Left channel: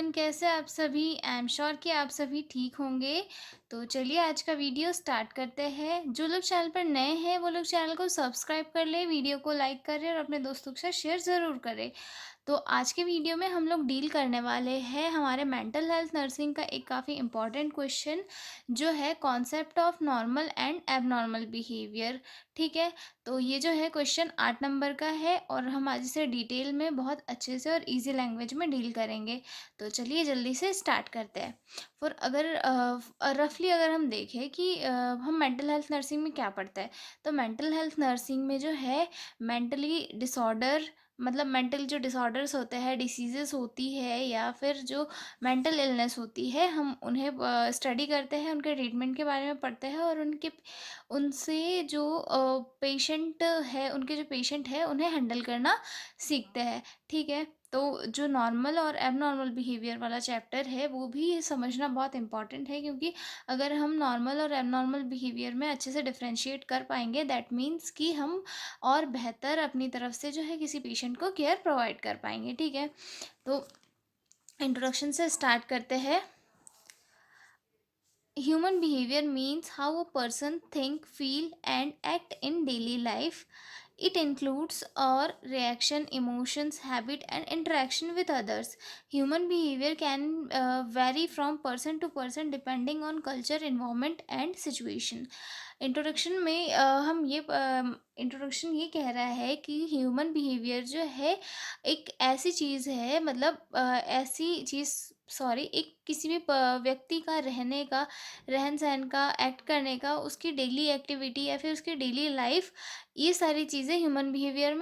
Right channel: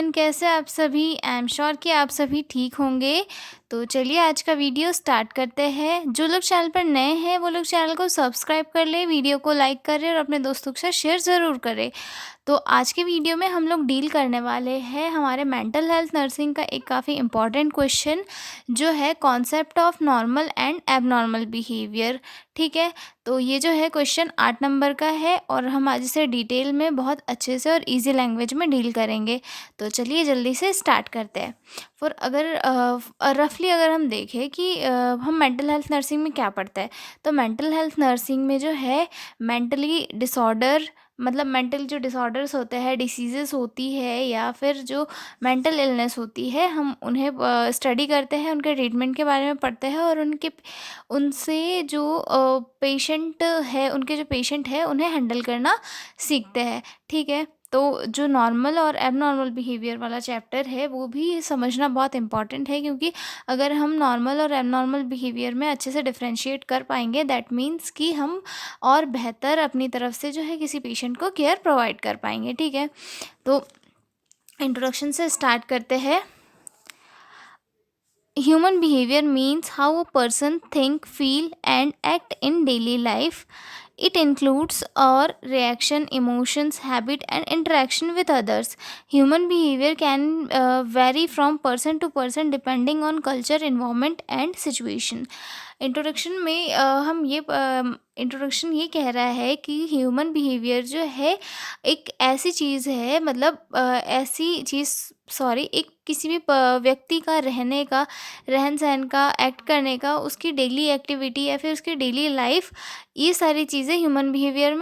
Everyone, कैसे आप सभी। आई एम श्योर कि आप सभी ठीक होंगे। तो चलिए आज का वीडियो स्टार्ट करते हैं। जो लोग चैनल पर नए हैं वो लोग चैनल को सब्सक्राइब कर लें, वीडियो को लाइक करें और अपने दोस्तों के साथ शेयर ज़रूर करें। तो आज के वीडियो में हम लोग डील करने वाले हैं हमारे मेंटल हेल्थ नर्सिंग का एक काफ़ी इम्पॉर्टेंट क्वेश्चन, जो है concept of normal and abnormal behaviour. ठीक है। तो ये जो है क्वेश्चन 8 नंबर का है और हम आज इसे डिटेल में बहुत अच्छे से और इजी लैंग्वेज में डील करेंगे। तो चलिए जल्दी से स्टार्ट करते हैं। फॉर अगर रफली अगर हम देखें कि हम मेंटल हेल्थ नर्सिंग में क्या पढ़ते हैं, तो मेंटल हेल्थ नर्सिंग में जो है मेंटली डिसऑर्डर, मतलब मेंटल जो डिसऑर्डर्स होते हैं, डिसीजेस होती है या फिर जो मेंटल इलनेस होती है, हम उन्हें स्टडी करते हैं, उनके ट्रीटमेंट के बारे में पढ़ते हैं और उनके उनसे जो पेशेंट है, उनके जो पेशेंट है उन्हें हैंडल करना सीखते हैं। ठीक है। तो जो नॉर्मल और एबनॉर्मल बिहेवियर वाला चैप्टर है वो भी समझना बहुत इंपॉर्टेंट है, क्योंकि अगर हम नॉर्मल और एबनॉर्मल बिहेवियर में अच्छे से डिफरेंशिएट कर पाएंगे, दैट मीन्स कि हम और बेहतर अपनी तरफ से जो है किसी पेशेंट को केयर प्रोवाइड कर पाएंगे। ठीक है। तो इंट्रोडक्शन से स्टार्ट करते हैं। Human behavior means how a person think, feel and act in daily life. It includes our reaction, emotions, habit and interaction with others. Human behavior can vary from person to person depending on culture, environment and situation. Introduction में introduction ये कह रहा है कि human behaviour जो है एक ऐसी चीज़ है, मतलब ऐसी चीज़, सॉरी, एक किसी भी व्यक्ति का रहने का, रहन सहन का, एक्ट करने का, उसकी डेली एक्टिविटी या फिर उसकी डेली लाइफ, ये सारी चीज़ें ह्यूमन बिहेवियर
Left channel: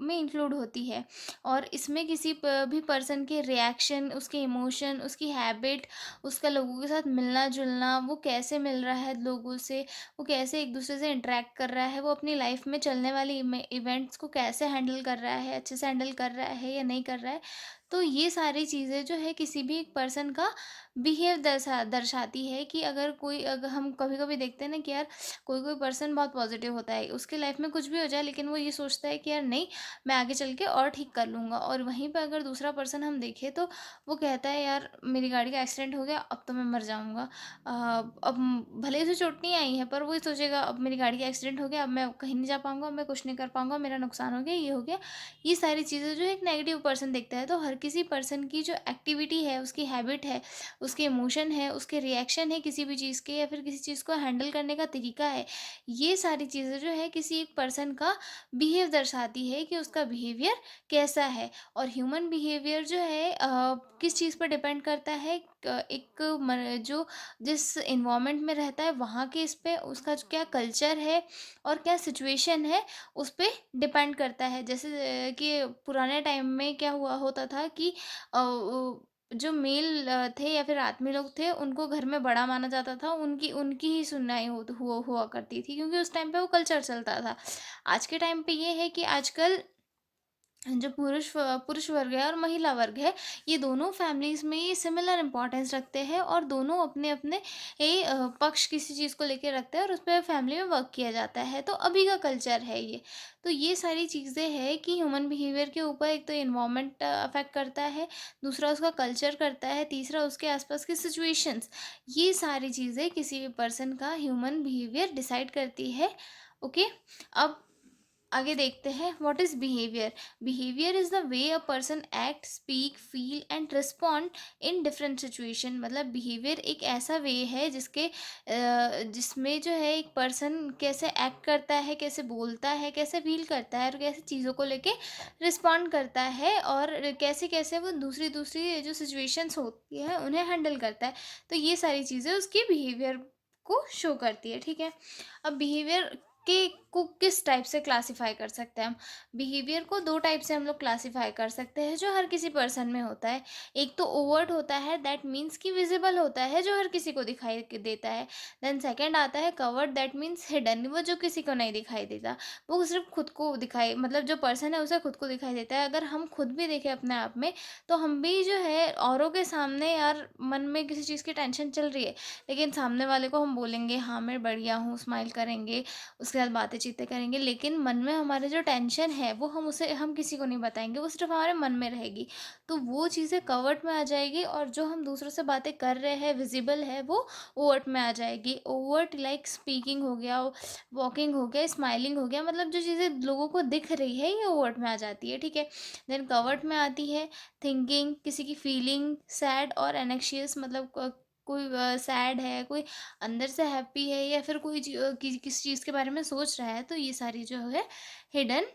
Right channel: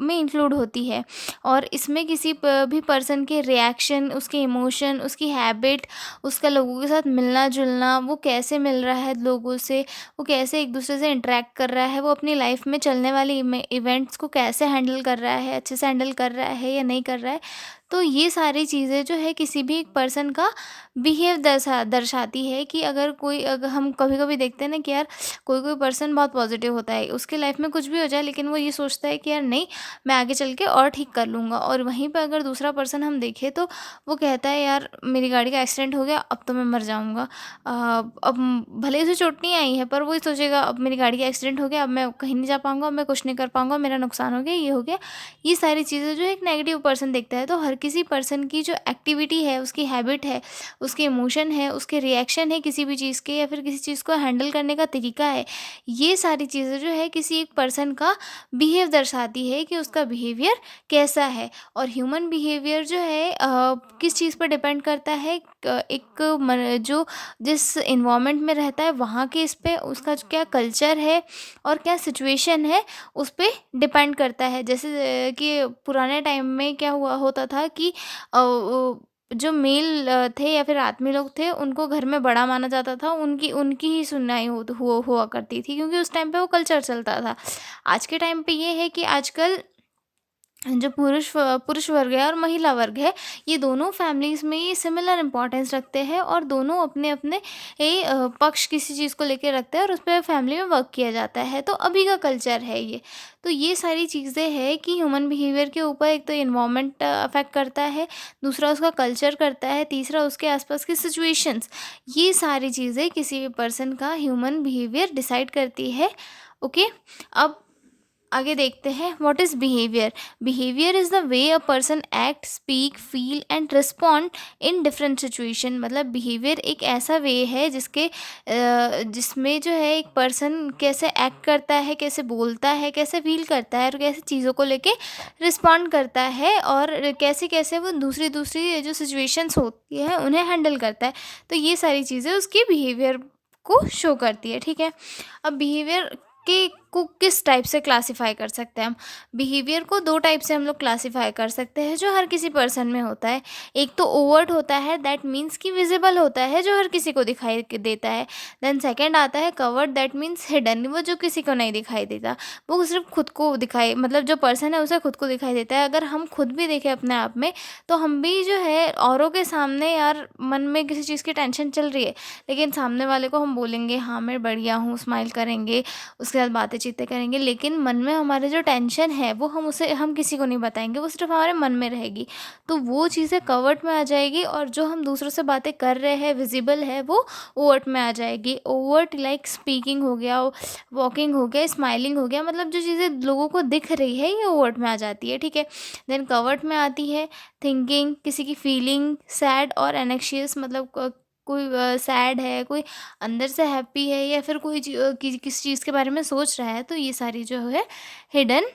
में इंक्लूड होती है। और इसमें किसी भी पर्सन के रिएक्शन, उसके इमोशन, उसकी हैबिट, उसका लोगों के साथ मिलना जुलना, वो कैसे मिल रहा है लोगों से, वो कैसे एक दूसरे से इंटरेक्ट कर रहा है, वो अपनी लाइफ में चलने वाले इवेंट्स को कैसे हैंडल कर रहा है, अच्छे से हैंडल कर रहा है या नहीं कर रहा है। तो ये सारी चीज़ें जो है किसी भी एक पर्सन का बिहेव दर्शाती है कि अगर हम कभी कभी देखते हैं ना कि यार कोई कोई पर्सन बहुत पॉजिटिव होता है, उसके लाइफ में कुछ भी हो जाए लेकिन वो ये सोचता है कि यार नहीं, मैं आगे चल के और ठीक कर लूँगा। और वहीं पर अगर दूसरा पर्सन हम देखें तो वो कहता है यार मेरी गाड़ी का एक्सीडेंट हो गया, अब तो मैं मर जाऊँगा। अब भले ही उसे चोट नहीं आई है पर वो ही सोचेगा अब मेरी गाड़ी का एक्सीडेंट हो गया, अब मैं कहीं नहीं जा पाऊँगा, अब मैं कुछ नहीं कर पाऊँगा, मेरा नुकसान हो गया, ये हो गया। ये सारी चीज़ें जो एक नेगेटिव पर्सन देखता है। तो हर किसी पर्सन की जो एक्टिविटी है, उसकी हैबिट है, उसके इमोशन है, उसके रिएक्शन है किसी भी चीज़ के, या फिर किसी चीज़ को हैंडल करने का तरीका है, ये सारी चीज़ें जो है किसी एक पर्सन का बिहेव दर्शाती है कि उसका बिहेवियर कैसा है। और ह्यूमन बिहेवियर जो है किस चीज़ पर डिपेंड करता है, एक जो जिस इन्वायरमेंट में रहता है वहाँ के इस पे उसका जो क्या कल्चर है और क्या सिचुएशन है, उस पे डिपेंड करता है। जैसे कि पुराने टाइम में क्या हुआ होता था कि जो मेल थे या फिर आदमी लोग थे, उनको घर में बड़ा माना जाता था, उनकी उनकी ही सुनवाई हुआ करती थी, क्योंकि उस टाइम पे वो कल्चर चलता था। आज के टाइम पे ये है कि आजकल जो पुरुष वर्ग है और महिला वर्ग है, ये दोनों फैमिलीज़ में ये सिमिलर इम्पोर्टेंस रखते हैं और दोनों अपने अपने पक्ष किसी चीज़ को लेके रखते हैं और उस पर फैमिली में वर्क किया जाता है। तो अभी का कल्चर है ये। तो ये सारी चीज़ें हैं कि ह्यूमन बिहेवियर के ऊपर एक तो इन्वायरमेंट अफेक्ट करता है, दूसरा उसका कल्चर करता है, तीसरा उसके आसपास की सिचुएशंस। ये सारी चीज़ें किसी भी पर्सन का ह्यूमन बिहेवियर डिसाइड करती है। ओके। अब आगे देखते हैं, what is behaviour. Behaviour is the way a person act, speak, feel and respond in different situation. मतलब बिहेवियर एक ऐसा वे है जिसमें जो है एक पर्सन कैसे एक्ट करता है, कैसे बोलता है, कैसे फील करता है और कैसे चीज़ों को लेके रिस्पॉन्ड करता है, और कैसे कैसे वो दूसरी दूसरी जो सिचुएशंस होती है उन्हें हैंडल करता है। तो ये सारी चीज़ें उसकी बिहेवियर को शो करती है। ठीक है। अब बिहेवियर के को किस टाइप से क्लासिफाई कर सकते हैं हम। बिहेवियर को दो टाइप से हम लोग क्लासिफाई कर सकते हैं जो हर किसी पर्सन में होता है। एक तो ओवर्ट होता है, दैट मीन्स कि विजिबल होता है, जो हर किसी को देता है। देन सेकंड आता है कवर्ड, दैट मीन्स हिडन, वो जो किसी को नहीं दिखाई देता, वो सिर्फ खुद को दिखाई, मतलब जो पर्सन है उसे खुद को दिखाई देता है। अगर हम खुद भी देखें अपने आप में, तो हम भी जो है औरों के सामने यार मन में किसी चीज़ की टेंशन चल रही है, लेकिन सामने वाले को हम बोलेंगे हाँ मैं बढ़िया हूँ, स्माइल करेंगे, उसके बाद बातें चीज़ें करेंगे, लेकिन मन में हमारे जो टेंशन है वो हम किसी को नहीं बताएँगे, वो सिर्फ़ हमारे मन में रहेगी। तो वो चीज़ें कवर्ट में आ जाएगी, और जो हम दूसरों से बातें कर रहे हैं विज़िबल है, वो ओवर्ट में आ जाएगी। ओवर्ट लाइक स्पीकिंग हो गया, वॉकिंग हो गया, स्माइलिंग हो गया, मतलब जो चीज़ें लोगों को दिख रही है ये ओवर्ट में आ जाती है, ठीक है। देन कवर्ट में आती है थिंकिंग, किसी की फीलिंग सैड और एनेक्शियस, मतलब कोई सैड है, कोई अंदर से हैप्पी है, या फिर कोई किसी चीज़ के बारे में सोच रहा है, तो ये सारी जो है हिडन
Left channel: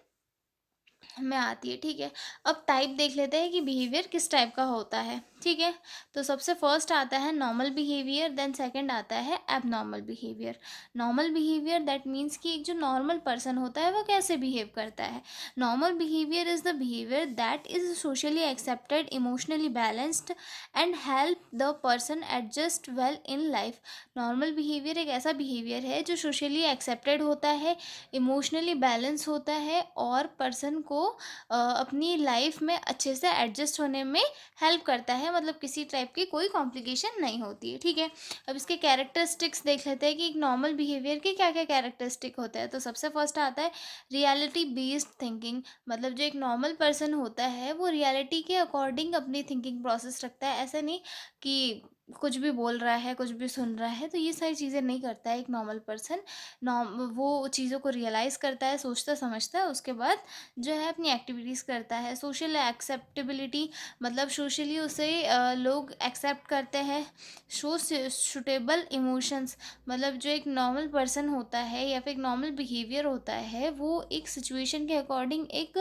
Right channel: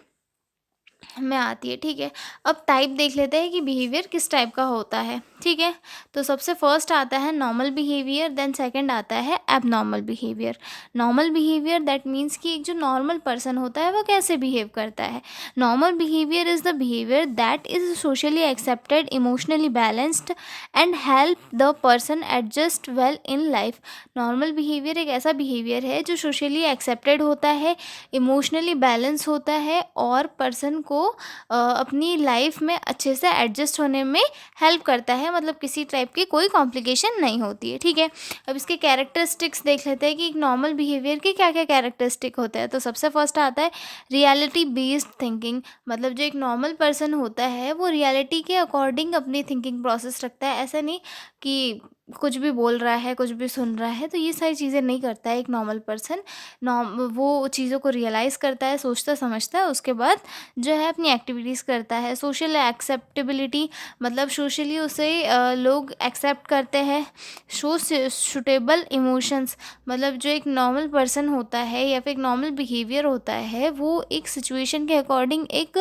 में आती है, ठीक है। अब टाइप देख लेते हैं कि बिहेवियर किस टाइप का होता है, ठीक है। तो सबसे फर्स्ट आता है नॉर्मल बिहेवियर, देन सेकंड आता है abnormal behaviour. Normal behaviour that means कि एक जो नॉर्मल पर्सन होता है वो कैसे बिहेव करता है। Normal behaviour is the behaviour that is socially accepted, emotionally balanced and help the person adjust well in life. Normal behaviour एक ऐसा बिहेवियर है जो सोशली एक्सेप्टेड होता है, इमोशनली बैलेंस होता है, और पर्सन को अपनी लाइफ में अच्छे से एडजस्ट होने में हेल्प करता है, मतलब किसी टाइप की कोई कॉम्प्लिकेशन नहीं होती है, ठीक है। अब इसके कैरेक्टरिस्टिक्स देख लेते हैं कि एक नॉर्मल बिहेवियर के क्या क्या कैरेक्टरिस्टिक होते हैं। तो सबसे फर्स्ट आता है रियलिटी बेस्ड थिंकिंग, मतलब जो एक नॉर्मल पर्सन होता है वो रियलिटी के अकॉर्डिंग अपनी थिंकिंग प्रोसेस रखता है। ऐसा नहीं कि कुछ भी बोल रहा है, कुछ भी सुन रहा है, तो ये सारी चीज़ें नहीं करता है एक नॉर्मल पर्सन। नॉर्म वो चीज़ों को रियलाइज़ करता है, सोचता समझता है, उसके बाद जो है अपनी एक्टिविटीज़ करता है। सोशल एक्सेप्टेबिलिटी, मतलब सोशली उसे लोग एक्सेप्ट करते हैं। शो सुटेबल इमोशंस, मतलब जो एक नॉर्मल पर्सन होता है या फिर एक नॉर्मल बिहेवियर होता है वो एक सिचुएशन के अकॉर्डिंग एक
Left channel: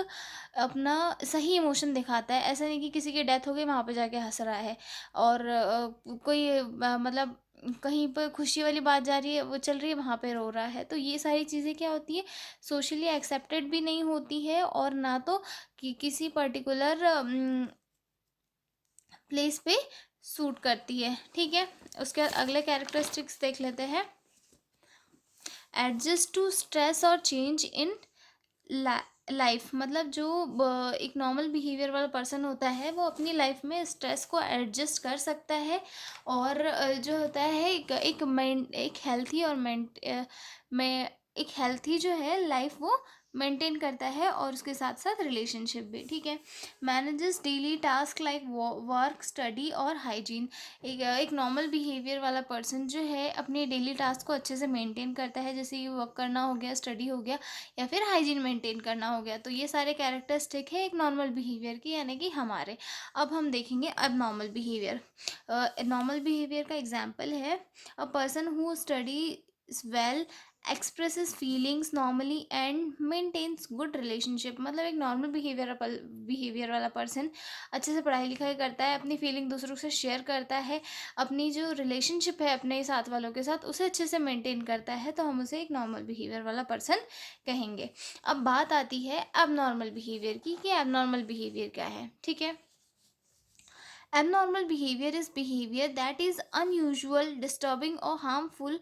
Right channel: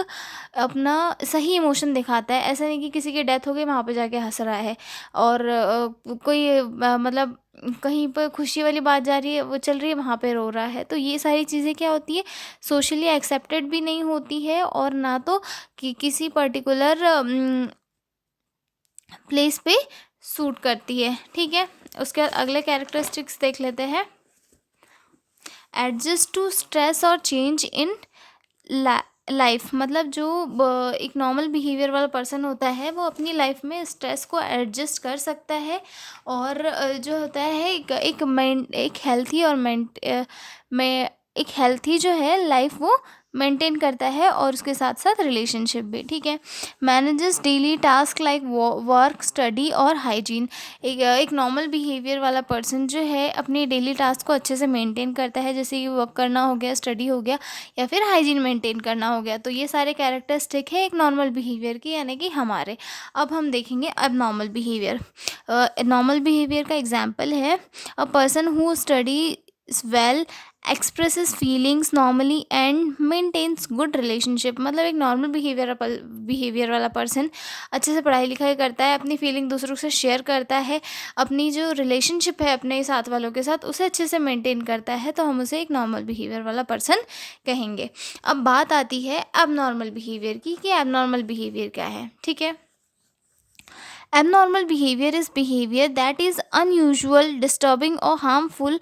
अपना सही इमोशन दिखाता है। ऐसा नहीं कि किसी की डेथ हो गई वहाँ पे जाके हंस रहा है, और कोई मतलब कहीं पर खुशी वाली बात जा रही है, वो चल रही है, वहाँ पे रो रहा है। तो ये सारी चीज़ें क्या होती है, सोशली एक्सेप्टेड भी नहीं होती है, और ना तो कि किसी पर्टिकुलर प्लेस पे सूट करती है, ठीक है। उसके बाद अगले कैरेक्टरिस्टिक्स देख लेते हैं। एडजस्ट टू स्ट्रेस और चेंज इन लाइफ, मतलब जो एक नॉर्मल बिहेवियर वाला पर्सन होता है वो अपनी लाइफ में स्ट्रेस को एडजस्ट कर सकता है, और जो होता है एक हेल्थी और में एक हेल्थी जो है लाइफ वो मेंटेन करता है, और उसके साथ साथ रिलेशनशिप भी, ठीक है। Manages daily task like work, study और हाइजीन। एक नॉर्मल बिहेवियर वाला पर्सन जो है अपनी डेली टास्क को अच्छे से मेंटेन करता है, जैसे कि वर्क करना हो गया, स्टडी हो गया, या फिर हाइजीन मेंटेन करना हो गया। तो ये सारे कैरेक्टरिस्टिक है एक नॉर्मल बिहेवियर की, यानी कि हमारे। अब हम देखेंगे अब नॉर्मल बिहेवियर। नॉर्मल बिहेवियर का एग्जाम्पल है a person who study well, expresses feelings normally and maintains good relationship, मतलब एक नॉर्मल बिहेवियर वाला पर्सन अच्छे से पढ़ाई लिखाई करता है, अपनी फीलिंग दूसरों से शेयर करता है, अपनी जो रिलेशनशिप है अपने साथ वालों के साथ उसे अच्छे से मेंटेन करता है, तो हम उसे एक नॉर्मल बिहेवियर वाला पर्सन कहेंगे। अब बात आती है अब नॉर्मल बिहेवियर की कि अब नॉर्मल बिहेवियर क्या है, ठीक है। Abnormal behavior is behavior that is unusual, disturbing, or harmful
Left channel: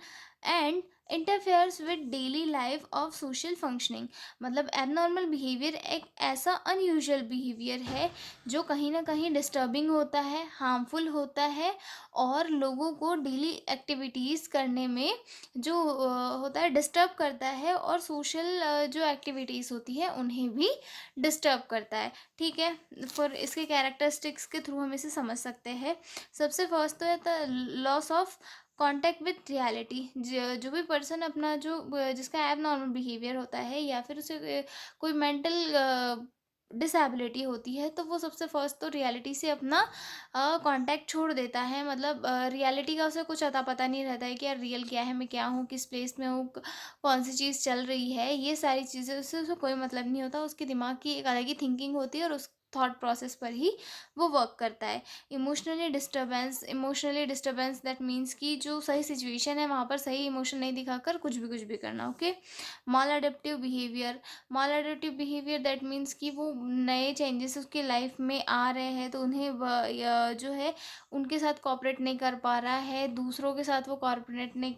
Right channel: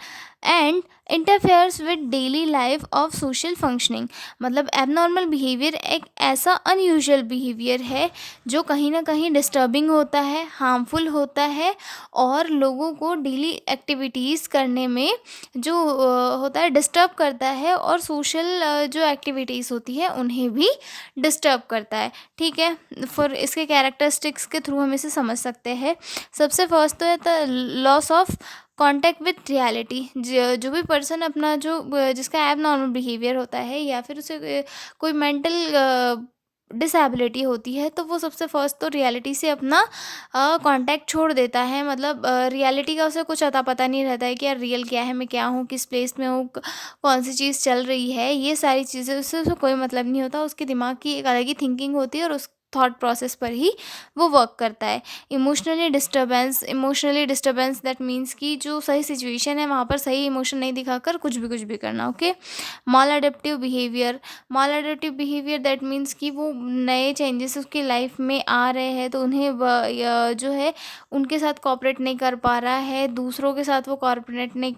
and interferes with daily life of social functioning। मतलब abnormal behavior एक ऐसा unusual behavior है जो कहीं ना कहीं disturbing होता है, harmful होता है, और लोगों को डेली एक्टिविटीज़ करने में जो होता है डिस्टर्ब करता है, और सोशल जो एक्टिविटीज़ होती है उन्हें भी डिस्टर्ब करता है, ठीक है। फिर इसके कैरेक्टरिस्टिक्स के थ्रू हम इसे समझ सकते हैं। सबसे फर्स्ट तो है the loss of contact with reality. जो भी पर्सन अपना जिसका एब नॉर्मल बिहेवियर होता है, या फिर उसे कोई मेंटल डिसेबिलिटी होती है, तो वो सबसे फर्स्ट तो रियलिटी से अपना कांटेक्ट छोड़ देता है। मतलब रियलिटी का उसे कुछ अता पता नहीं रहता है कि यार रियल क्या है, मैं क्या हूँ, किस प्लेस में हूँ, कौन सी चीज़ चल रही है, ये सारी चीज़ें उससे उसे कोई मतलब नहीं होता। उसके दिमाग की एक अलग ही थिंकिंग होती है, और उस थॉट प्रोसेस पर ही वो वर्क करता है। इमोशनली डिस्टर्बेंस दैट मीन्स कि जो सही सिचुएशन है वहाँ पर सही इमोशन नहीं दिखाकर कुछ भी करना, okay. Mall adaptive behaviour that means कि वो नए चेंजेस उसकी लाइफ में आ रहे हैं, तो उन्हें जो है उनके साथ कोऑपरेट नहीं कर पा रहा है, दूसरों के साथ वो कोऑपरेट नहीं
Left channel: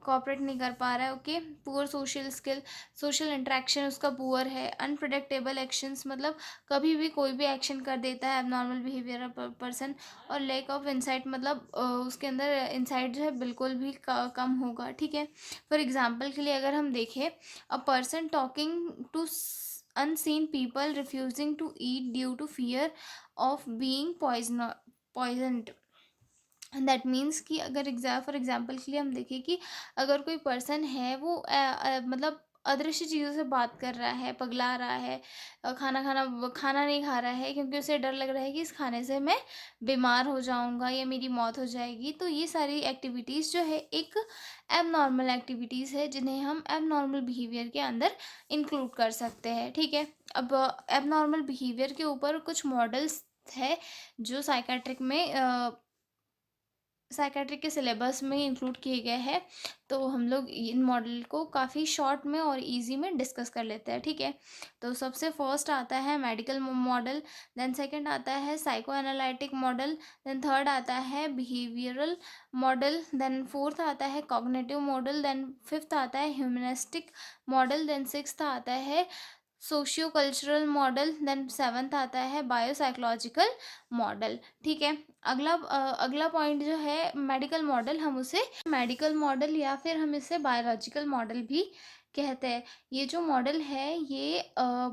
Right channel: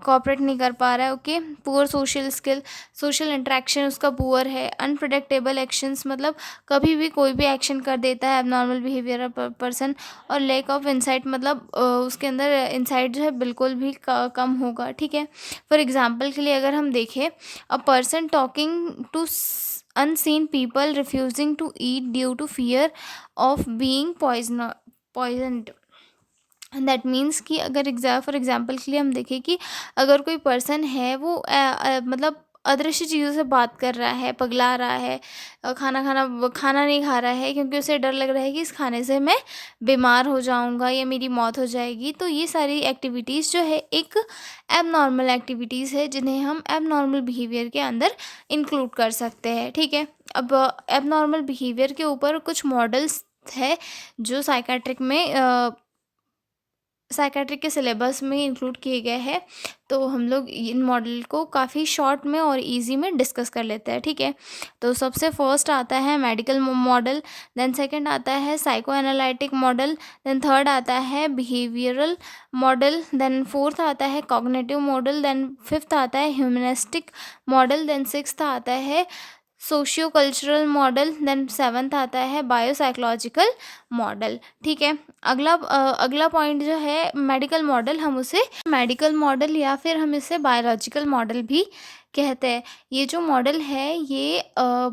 कॉपरेट नहीं कर पा रहा है, okay. Poor social skill, social interaction उसका पुअर है। अनप्रिडिक्टेबल एक्शंस, मतलब कभी भी कोई भी एक्शन कर देता है एबनॉर्मल बिहेवियर पर्सन। और लैक ऑफ इंसाइट, मतलब उसके अंदर इंसाइट जो है बिल्कुल भी कम होगा, ठीक है। फॉर एग्जांपल के लिए अगर हम देखें, a person talking to unseen people, refusing to eat due to fear of being poisoned। That means कि अगर फॉर एग्जांपल के लिए हम देखें कि अगर कोई पर्सन है वो मतलब अदृश्य चीज़ों से बात कर रहा है, पगला रहा है, खाना नहीं खा रहा है क्योंकि उसे डर लग रहा है कि इस खाने से मैं बीमार हो जाऊंगा या मेरी मौत हो जाएगी। तो ये सारी एक्टिविटीज़ जो है एक एबनॉर्मल एक्टिविटीज़ है जिन्हें हम एबनॉर्मल बिहेवियर के अंदर इंक्लूड कर सकते हैं, ठीक है। अब एबनॉर्मल बिहेवियर के ऊपर कुछ मॉडल्स है जो साइकेट्रिक के सिलेबस में इंक्लूड किए गए हैं। तो हम लोग इन मॉडल को काफ़ी शॉर्ट में और इजी में डिस्कस कर लेते हैं, ठीक है। तो सबसे फर्स्ट आता है मेडिकल मॉडल, देन सेकंड आता है psycho analytic model, then third आता है बिहेवियरल मॉडल, देन फोर्थ आता है कॉग्निटिव मॉडल, देन फिफ्थ आता है ह्यूमनिस्टिक मॉडल, देन सिक्स्थ आता है socio cultural model, then seventh आता है बायोसाइकोलॉजिकल मॉडल, ठीक है। अगला पॉइंट जो है मेडिकल मॉडल, हम उसे मेडिकल मॉडल या फिर हम इसे बायोलॉजिकल मॉडल भी कहते हैं। ये जो मॉडल है ये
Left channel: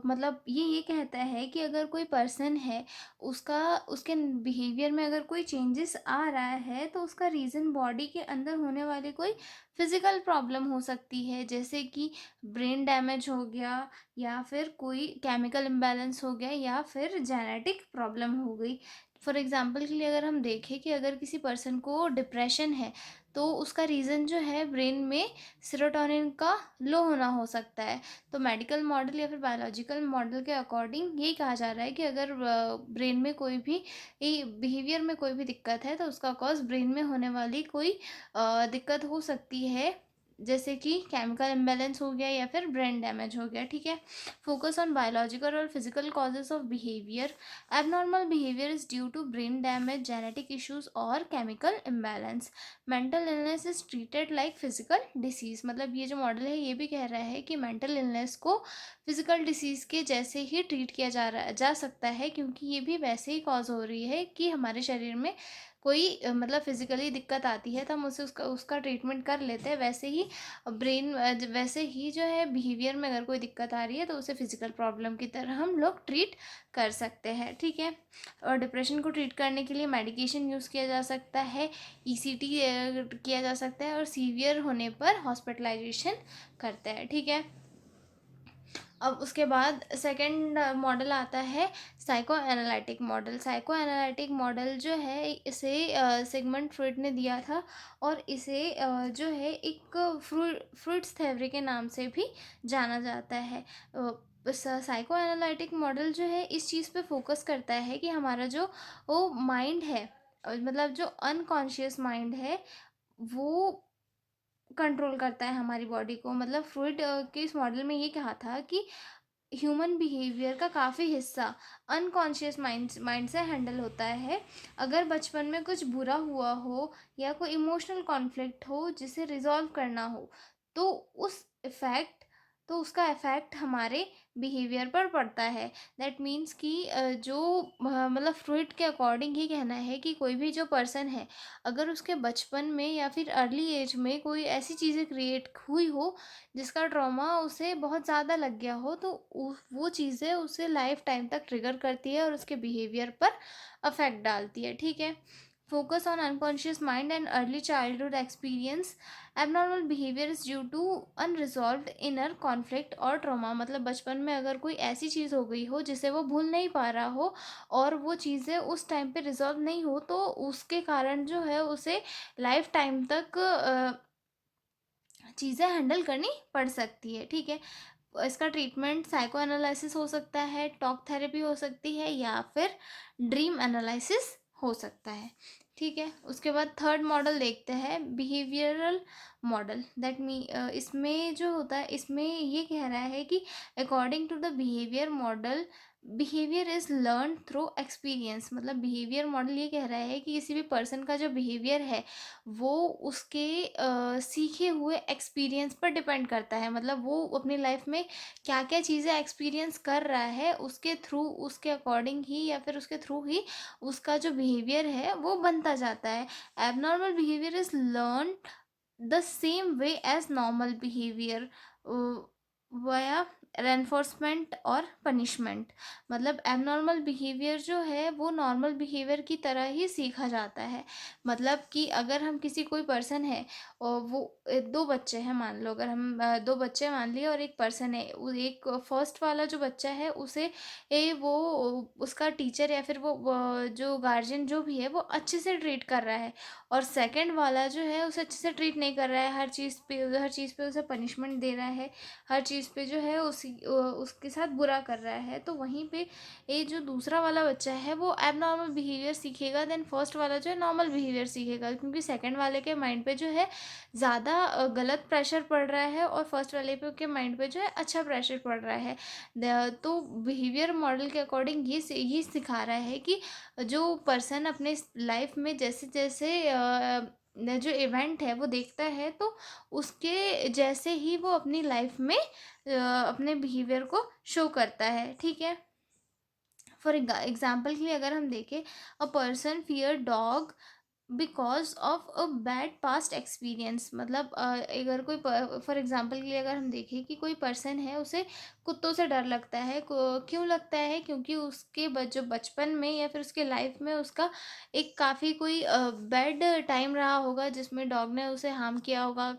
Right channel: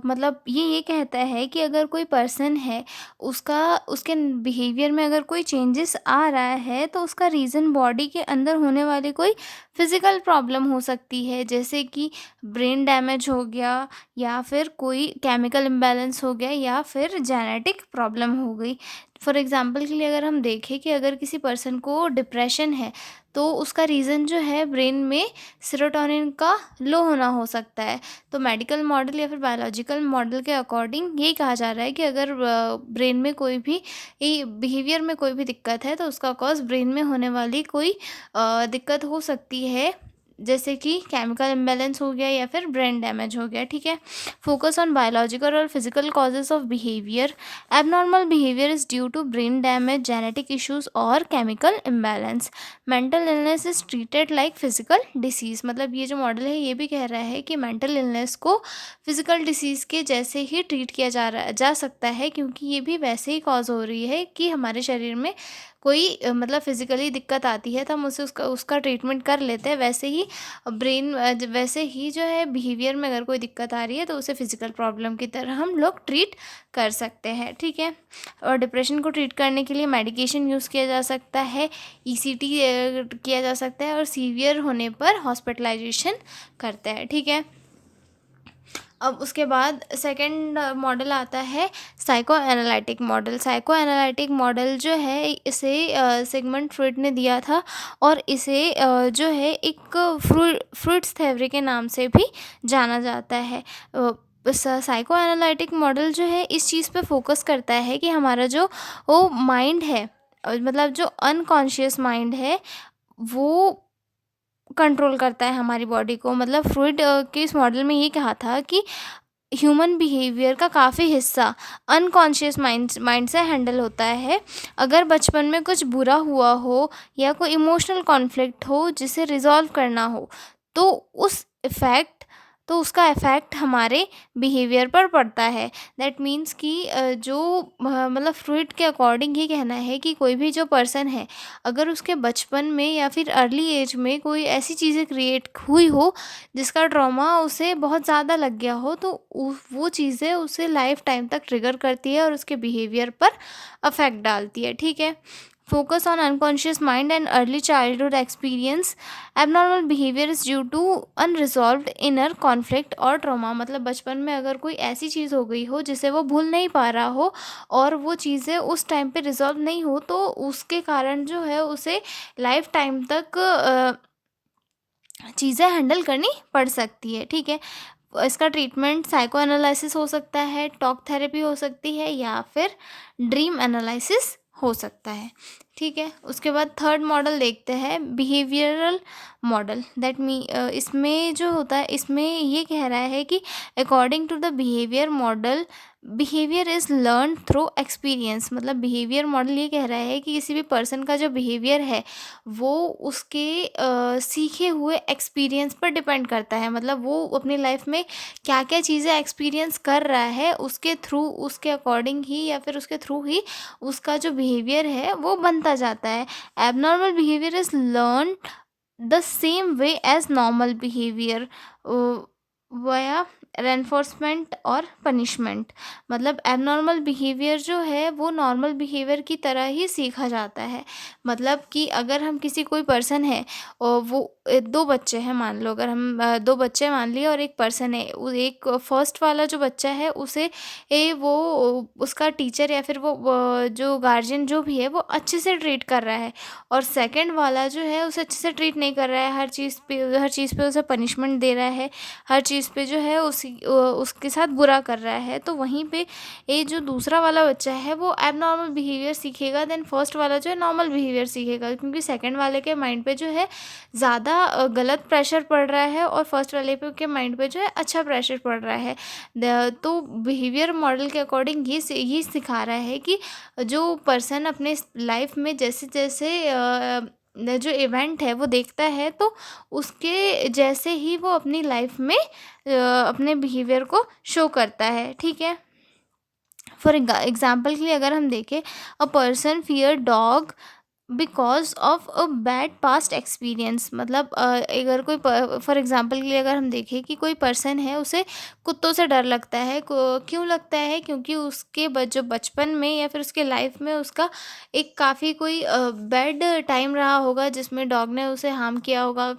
मतलब ये कहता है कि अगर कोई पर्सन है, उसके बिहेवियर में अगर कोई चेंजेस आ रहा है तो उसका रीज़न बॉडी के अंदर होने वाली कोई फिज़िकल प्रॉब्लम हो सकती है, जैसे कि ब्रेन डैमेज हो गया, या फिर कोई केमिकल इम्बैलेंस हो गया, या फिर जेनेटिक प्रॉब्लम हो गई। फॉर एग्जांपल के लिए अगर हम देखें कि अगर किसी पर्सन को डिप्रेशन है तो उसका रीज़न जो है ब्रेन में सेरोटोनिन का लो होना हो सकता है। तो मेडिकल मॉडल या फिर बायोलॉजिकल मॉडल के अकॉर्डिंग यही कहा जा रहा है कि अगर ब्रेन में कोई भी बिहेवियर में कोई भी दिक्कत है तो उसका कॉज ब्रेन में होने वाली कोई दिक्कत हो सकती है, जैसे कि केमिकल इम्बैलेंस हो गया या फिर ब्रेन डैमेज हो गया, ठीक है। फोकस ऑन बायोलॉजिकल और physical causes of behaviour. Abnormal behaviour is due to brain damage, genetic issues और chemical imbalance. Mental illness is treated like physical disease, मतलब ये जो मॉडल है ये भी कह रहा है कि मेंटल इलनेस को फिजिकल डिसीज के जैसे ही ट्रीट किया जा सकता है, क्योंकि ये भी वैसे ही कॉज हो रही है कि हमारे शरीर में कोई मतलब फिजिकली दिक्कत आती है तो हम उसे उसका ट्रीटमेंट कर लेते हैं। वैसे ही वैसे ही जो है बिहेवियर में अगर कोई दिक्कत आ रही है तो उसे फिजिकल प्रॉब्लम की तरह हम लोग ट्रीट कर सकते हैं, ठीक है। और डिप्रेशन को ट्रीट करने के लिए मेडिकेशन यूज़ किया जा सकता है, ईसीटी किया जा सकता है, और सीवियर होने पर हॉस्पिटलाइजेशन करते हैं, ठीक है। अब उसके बाद सेकंड मॉडल आता है psycho analytic model. Psycho analytic model जो है इसे सिगमंड फ्रॉइड ने दिया था, और इसे जो है एक फ्रूट्स थ्योरी के नाम से भी जाना जाता है। साइको एनालिटिक मॉडल जो है इस चीज़ पे फोकस करता है कि हमारा जो वो माइंड है, मतलब जो अनकॉन्शियस माइंड है, वो कंट्रोल करता है हमारी बॉडी को। मतलब फ्रूइड के इस मॉडल में ये कहा था कि ह्यूमन बिहेवियर का काफ़ी हिस्सा अनकॉन्शियस माइंड से हैंडल होता है। अगर बचपन में कुछ बुरा हुआ हो या कोई इमोशनल कॉन्फ्लिक्ट हो जिसे रिजॉल्व करना हो, तो उसका इफ़ेक्ट हमारे बिहेवियर पर पड़ता है। दैट मीन्स कि मतलब फ्रूइड के अकॉर्डिंग ये कहना है कि कोई भी जो पर्सन है, अगर उसके बचपन में या फिर अर्ली एज में कोई ऐसी चीज़ें क्रिएट हुई हो जिसका ट्रॉमा उसे बहुत ज़्यादा लग गया हो, तो वो चीज़ें उसे लाइफ टाइम तक ट्रिगर करती है और उसके बिहेवियर पर अफेक्ट डालती है, ठीक है। Focus on unconscious mind and early childhood experience. Abnormal behaviour is due to unresolved inner conflict और ट्रॉमा, मतलब बचपन में अगर कोई ऐसी चीज़ हो गई हो जिसे वो भूल नहीं पा रहा हो और वो चीज़ें उस टाइम पे रिजॉल्व नहीं हो, तो उसके कारण जो है उसे लाइफ टाइम तक चीज़ें हैंडल करनी पड़ सकती है, ठीक है। इसका ट्रीटमेंट साइको एनालिसिस हो सकता है, टॉक थेरेपी हो सकती है, या फिर ड्रीम एनालिसिस हो सकता है, ठीक है। उसके बाद थर्ड मॉडल देखते हैं बिहेवियरल मॉडल। इसमें जो होता है, इसमें ये कह रहा है कि according to the behaviour model behaviour is learn through experience, मतलब बिहेवियर मॉडल ये कह रहा है कि किसी भी पर्सन का जो बिहेवियर है वो उसके सीखे हुए एक्सपीरियंस पर डिपेंड करता है। मतलब वो अपनी लाइफ में क्या क्या चीज़ें एक्सपीरियंस कर रहा है, उसके थ्रू, उसके अकॉर्डिंग ही या फिर उसके थ्रू ही उसका जो बिहेवियर है वो बनता जाता है। Abnormal behaviour is learn the same way as normal behaviour via reinforcement और पनिशमेंट। मतलब एबनॉर्मल बिहेवियर जो है वो नॉर्मल बिहेवियर की तरह ही सीखा जाता है। मतलब कि अगर हम किसी कोई पर्सन है और वो दो बच्चे हैं मान लो, अगर हम दो बच्चे मान लिए और एक पर्सन है, एक फर्स्ट वाला जो बच्चा है उसे वो उसका टीचर या फिर वो जो गार्जियन जो भी है वो अच्छे से ट्रीट कर रहा है, और सेकंड वाला जो है उसे अच्छे से ट्रीट नहीं कर रहा है, हर चीज़ पे उसे पनिशमेंट दे रहा है, हर चीज़ पे जो है उसके साथ बुरा कर रहा है। तो वहीं पे ये जो दूसरा वाला बच्चा है वो एबनॉर्मल बिहेवियर सीखेगा, देन फर्स्ट वाला जो है नॉर्मल बिहेवियर सीखेगा, क्योंकि सेकंड वाले के माइंड पे जो है ज़्यादा गलत प्रेशर पड़ रहा है और फर्स्ट वाले पे के माइंड पे जो है अच्छा प्रेशर पड़ रहा है। तो बिहेवियर मॉडल के अकॉर्डिंग ये सिखा रहा है कि जो पर्सन अपने लाइफ में जैसे जैसे जो इवेंट है वो देखता है, तो उसके जैसे ही वो अपनी लाइफ में अपने बिहेवियर को शो करता है। ठीक है, फॉर एग्जाम्पल के लिए अगर हम देखें, a person fear dog because of a bad past experience. मतलब अगर कोई फॉर एग्जांपल के लिए अगर हम देखें कि कोई पर्सन है उसे कुत्तों से डर लगता है, क्यों लगता है, क्योंकि उसके जो बचपन में या फिर उसके लाइफ में उसका एक काफ़ी कोई बैड टाइम रहा होगा जिसमें डॉग ने उसे हार्म किया होगा,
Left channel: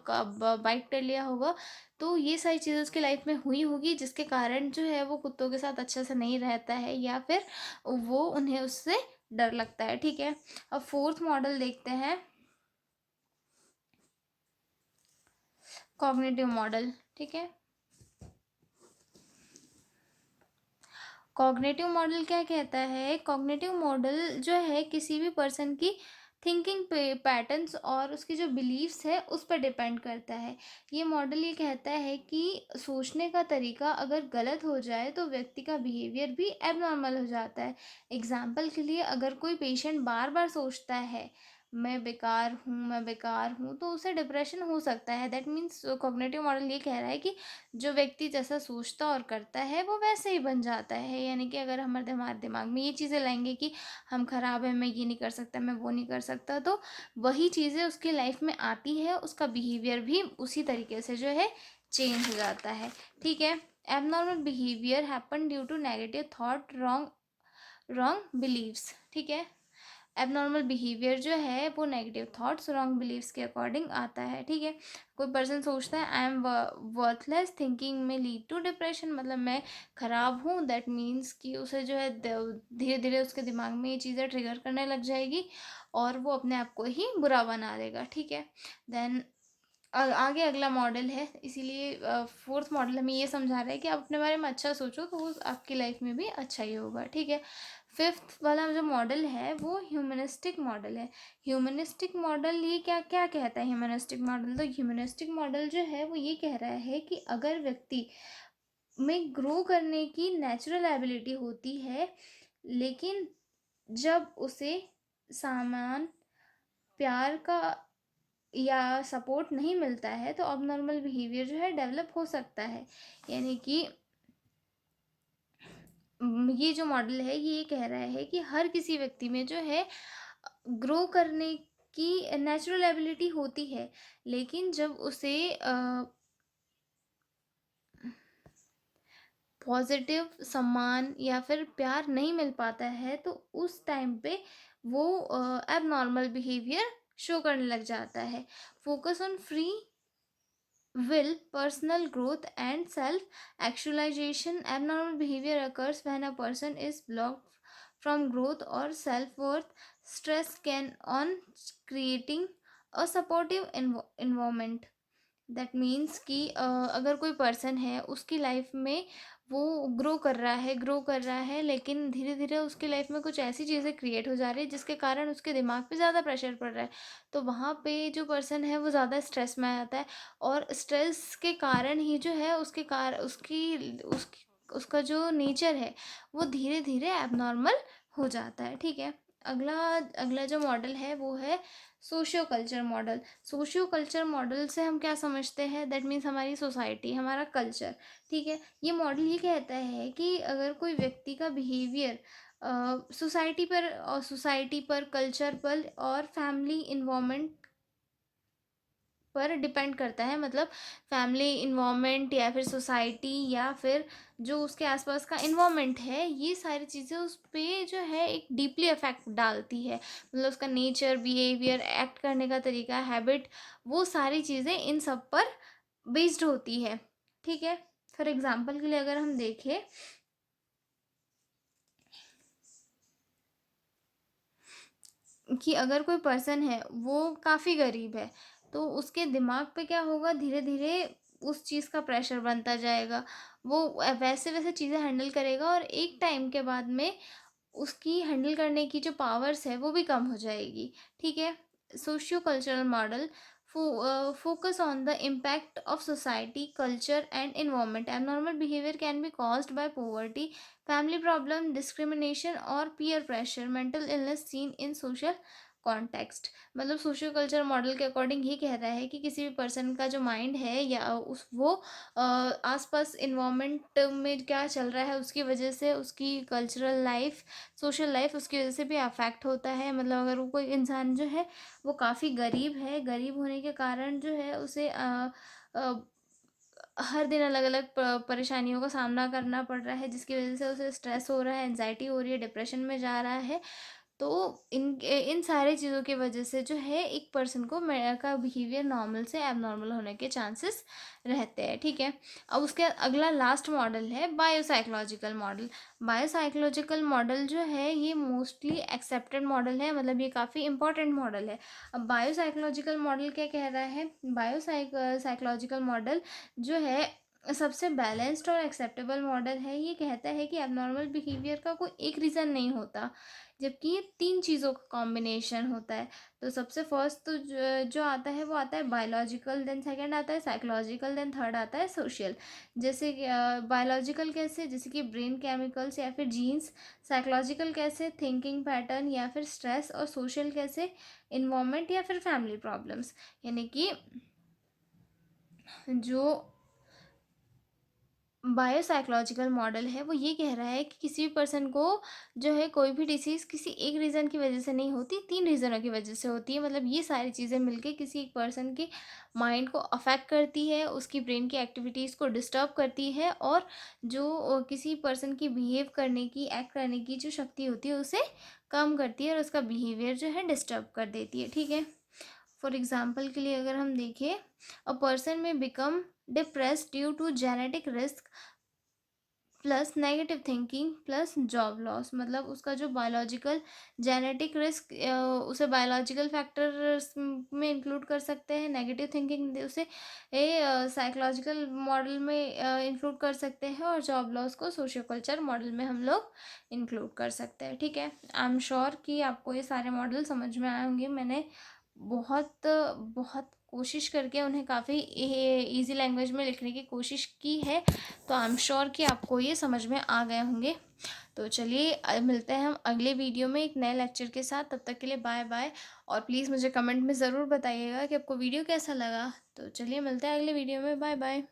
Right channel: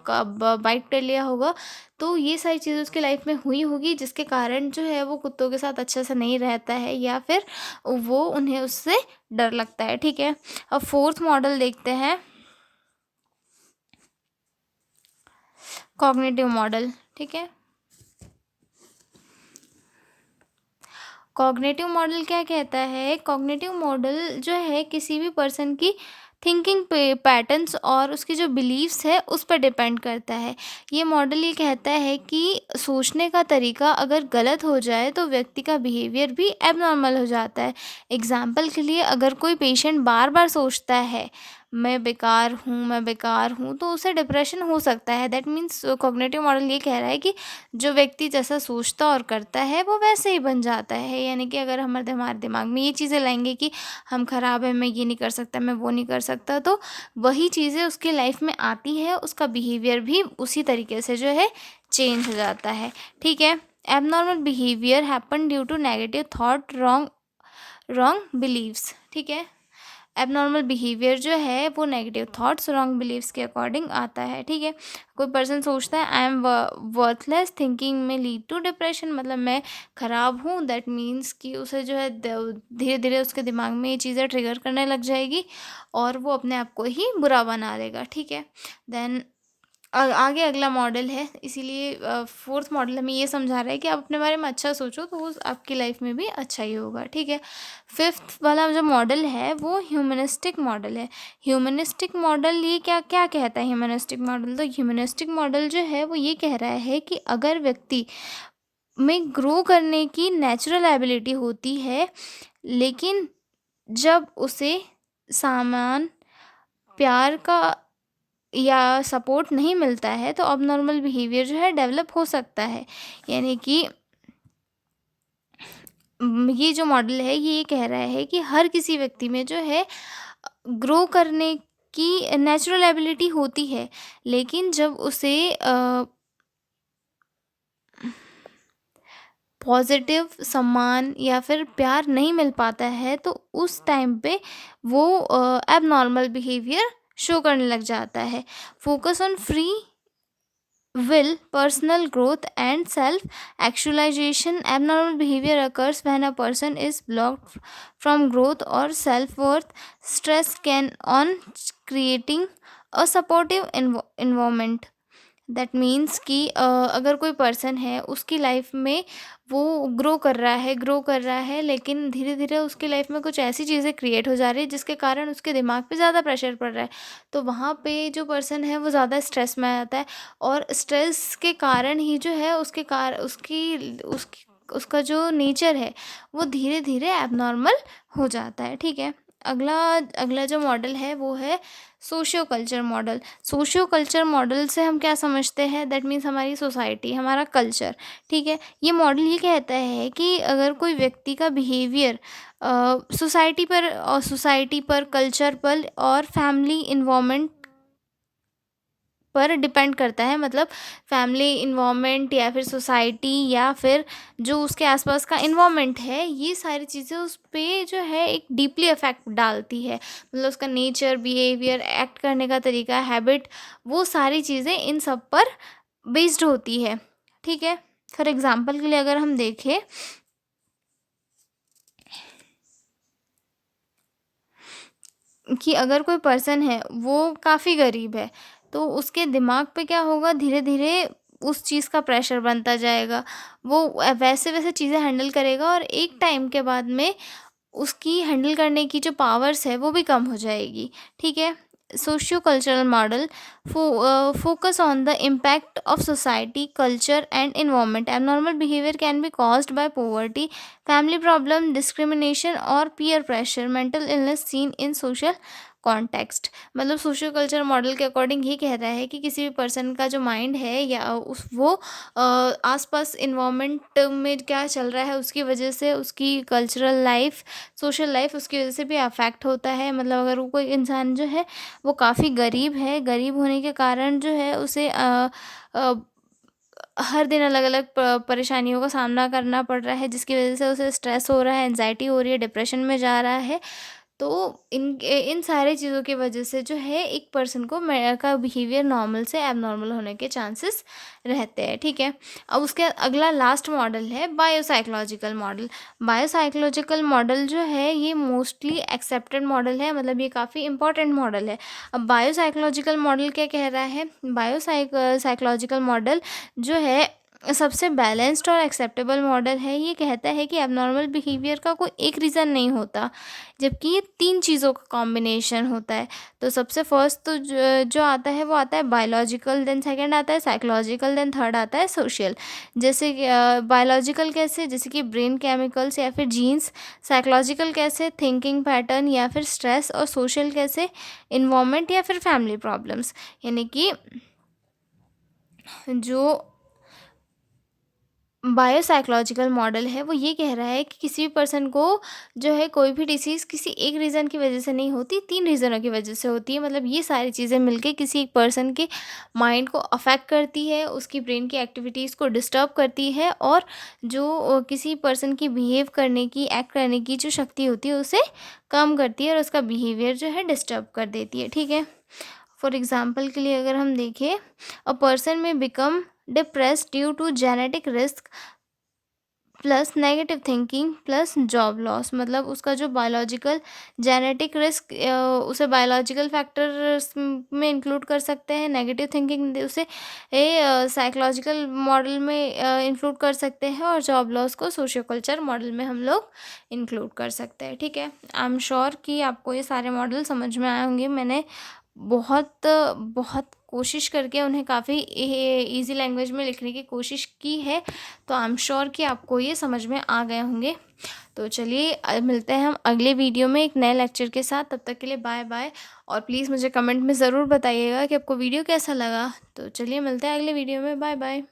बाइट कर लिया होगा। तो ये सारी चीज़ें उसके लाइफ में हुई होगी जिसके कारण जो है वो कुत्तों के साथ अच्छे से नहीं रहता है या फिर वो उन्हें उससे डर लगता है। ठीक है, अब फोर्थ मॉडल देखते हैं, कॉग्निटिव मॉडल। ठीक है, कॉग्निटिव मॉडल क्या कहता है, कॉग्निटिव मॉडल जो है किसी भी पर्सन की थिंकिंग पे पैटर्न्स और उसकी जो बिलीव्स है उस पर डिपेंड करता है। ये मॉडल ये कहता है कि सोचने का तरीका अगर गलत हो जाए तो व्यक्ति का बिहेवियर भी एबनॉर्मल हो जाता है। एग्जाम्पल के लिए अगर कोई पेशेंट बार बार सोचता है मैं बेकार हूँ, मैं बेकार हूँ, तो उसे डिप्रेशन हो सकता है। दैट मीन्स कॉग्निटिव मॉडल ये कह रहा है कि जो व्यक्ति जैसा सोचता और करता है वो वैसे ही बन जाता है। यानी कि अगर हमारे दिमाग में ये चीज़ें लाएंगे कि हम खराब है, मैं ये नहीं कर सकता, मैं वो नहीं कर सकता, तो वही चीज़ें उसकी लाइफ में आती है, उसका बिहेवियर भी उसी तरीके से जो है चेंज हो जाता है। ठीक है, abnormal behaviour happen due to negative thought, wrong wrong beliefs. ठीक है, एबनॉर्मल बिहेवियर जो है वो नेगेटिव थॉट्स, रॉन्ग बिलीव्स के अकॉर्डिंग आता है। ठीक है, कोई पर्सन सोचता है I am worthless thinking may lead to depression, मतलब मैं खराब हूँ, दैट मीन्स कि उसे जो है धीरे धीरे उसके दिमाग में ये चीज़ें ट्रिगर करने लग जाएगी और वो अपने आप को ही बुरा बना लेगा। ठीक है, देन आगे अगला मॉडल है, इसीलिए फोर्थ मॉडल हमें ये समझा रहा है कि आप अपने बारे में अच्छा सोचो तो वो आपकी लाइफ में भी अच्छा ही होगा। ठीक है, फिफ्थ वाला जो मॉडल है वो ह्यूमनिस्टिक मॉडल है। ह्यूमनिस्टिक मॉडल ये क्या क्या कहता है, ह्यूमनिस्टिक मॉडल, तो ह्यूमनिस्टिक मॉडल जो है वो ये कह रहा है कि अगर व्यक्ति में ग्रो करने की नेचुरल एबिलिटी होती है, लेकिन जब उसे सामान, प्यार का या सपोर्ट नहीं मिलता है तो अबनॉर्मल बिहेवियर जो है डेवलप हो सकता है। यानी कि ये जो मॉडल है ये कह रहा है कि हर किसी व्यक्ति में जो है ग्रो करने की नेचुरल एबिलिटी होती है, लेकिन जब उसे पॉजिटिव सम्मान या फिर प्यार नहीं मिल पाता है तो उस टाइम पे वो एबनॉर्मल बिहेवियर शो करने लग जाता है। Focus on free will, personal growth, and self actualization. Abnormal behavior occurs when a person is blocked from growth or self worth. Stress can on creating a supportive environment. That means कि अगर कोई person है उसकी life में वो grow कर रहा है लेकिन धीरे धीरे उसकी लाइफ में कुछ ऐसी चीज़ें क्रिएट हो जा रही है जिसके कारण उसके दिमाग पे ज़्यादा प्रेशर पड़ रहा है, तो वहाँ पे जो पर्सन है वो ज़्यादा स्ट्रेस में आ जाता है और स्ट्रेस के कारण ही जो है उसके कार उसकी उसकी उसका जो नेचर है वो धीरे धीरे एबनॉर्मल हो जाता है। ठीक है। अगला अगला जो मॉडल है वो है socio culture model. Socio culture model से हम क्या समझते हैं, दैट मीन्स हमारी सोसाइटी, हमारा कल्चर। ठीक है। ये मॉडल ये कहता है कि अगर कोई व्यक्ति का बिहेवियर सोसाइटी पर कल्चर पर और फैमिली इन्वायरमेंट पर डिपेंड करता है, मतलब फैमिली इन्वायरमेंट या फिर सोसाइटी या फिर जो उसके आसपास का इन्वायरमेंट है, ये सारी चीज़ें उस पे जो है एक डीपली इफेक्ट डालती है। मतलब उसका नेचर, बिहेवियर, एक्ट करने का तरीका, हैबिट, वो सारी चीज़ें इन सब पर बेस्ड होती है। ठीक है। फॉर एग्जाम्पल के लिए अगर हम देखें कि अगर कोई पर्सन है वो काफ़ी गरीब है, तो उसके दिमाग पे क्या होगा, धीरे धीरे उस चीज़ का प्रेशर बनता जाएगा। वो वैसे वैसे चीज़ें हैंडल करेगा और एक टाइम के बाद में उसकी हैंडल करने की जो पावर्स है वो भी कम हो जाएगी। ठीक है। Socio cultural model focus on the impact of society, culture and environment. Abnormal behaviour can be caused by poverty, family problem, discrimination और peer pressure, mental illness seen in social context. मतलब socio culture model के according ये कह रहा है कि किसी भी पर्सन का जो माइंड है या उस वो आसपास इन्वायरमेंट में क्या चल रहा है उसकी वजह से उसकी कल्चरल लाइफ, सोशल लाइफ उसकी वजह से भी अफेक्ट होता है। मतलब अगर वो कोई इंसान जो है वो काफ़ी गरीब है, गरीब होने के कारण जो है उसे अ, हर दिन अलग अलग परेशानियों का सामना करना पड़ रहा है, जिसकी वजह से उसे स्ट्रेस हो रहा है, एनजाइटी हो रही है, डिप्रेशन में जा रहा है। तो इन सारी चीज़ों की वजह से जो है एक पर्सन को का बिहेवियर नॉर्मल से एबनॉर्मल होने के चांसेस रहते हैं। ठीक है। अब उसके अगला लास्ट मॉडल है बायोसाइकोलॉजिकल मॉडल। बायोसाइकोलॉजिकल मॉडल जो है ये मोस्टली एक्सेप्टेड मॉडल है, मतलब ये काफ़ी इंपॉर्टेंट मॉडल है। अब बायोसाइकोलॉजिकल मॉडल क्या कह रहा है, साइकोलॉजिकल मॉडल जो है सबसे बैलेंस्ड और एक्सेप्टेबल मॉडल है। ये कहता है कि एबनॉर्मल बिहेवियर का कोई एक रीज़न नहीं होता, जबकि ये 3 चीज़ों का कॉम्बिनेशन होता है। तो सबसे फर्स्ट तो जो आता है वो आता है बायोलॉजिकल, देन सेकंड आता है साइकोलॉजिकल, देन थर्ड आता है सोशल। जैसे कि बायोलॉजिकल कैसे, जैसे कि ब्रेन केमिकल्स या फिर जीन्स। साइकोलॉजिकल कैसे, थिंकिंग पैटर्न या फिर स्ट्रेस। और सोशल कैसे, इन्वायरमेंट या फिर फैमिली प्रॉब्लम्स। यानी कि जो बायोसाइकोलॉजिकल मॉडल है वो ये कह रहा है कि किसी भी पर्सन को जो है कोई भी डिसीज़ किसी एक रीज़न की वजह से नहीं होती, 3 रीज़नों की वजह से होती है। मतलब ये सारी चीज़ें मिलके किसी एक पर्सन के माइंड को अफेक्ट करती है, उसकी ब्रेन की एक्टिविटीज़ को डिस्टर्ब करती है और जो किसी पर्सन की बिहेव करने की, एक्ट करने की जो शक्ति होती है उसे कम करती है और उसका बिहेवियर जो है डिस्टर्ब कर देती है। ठीक है। फॉर एग्जाम्पल के लिए अगर हम देखें, a person may become depressed due to genetic risk plus negative thinking plus job loss. मतलब उसका जो बायोलॉजिकल जेनेटिक रिस्क उसे बायोलॉजिकल फैक्टर्स में इंक्लूड कर सकते हैं, नेगेटिव थिंकिंग उसे साइकोलॉजिकल मॉडल में इंक्लूड कर सकते हैं और जॉब लॉस को सोशियो कल्चर मॉडल में हम लोग इंक्लूड कर सकते हैं। ठीक है। आई एम श्योर कि आपको ये सारे मॉडल समझ में आए होंगे। मैंने बहुत बहुत कोशिश करके उन्हें काफ़ी इजी लैंग्वेज में लिखने की कोशिश की है, तो आई एम श्योर कि आपको ये समझ में आ गए होंगे। तो चलिए मिलते हैं हम अगले वीडियो में एक नए लेक्चर के साथ। तब तक के लिए बाय बाय। और प्लीज़ मुझे कमेंट में ज़रूर बताइएगा कि आपको वीडियो कैसा लगा। तो चलिए मिलते हैं अगले वीडियो में। Bye bye.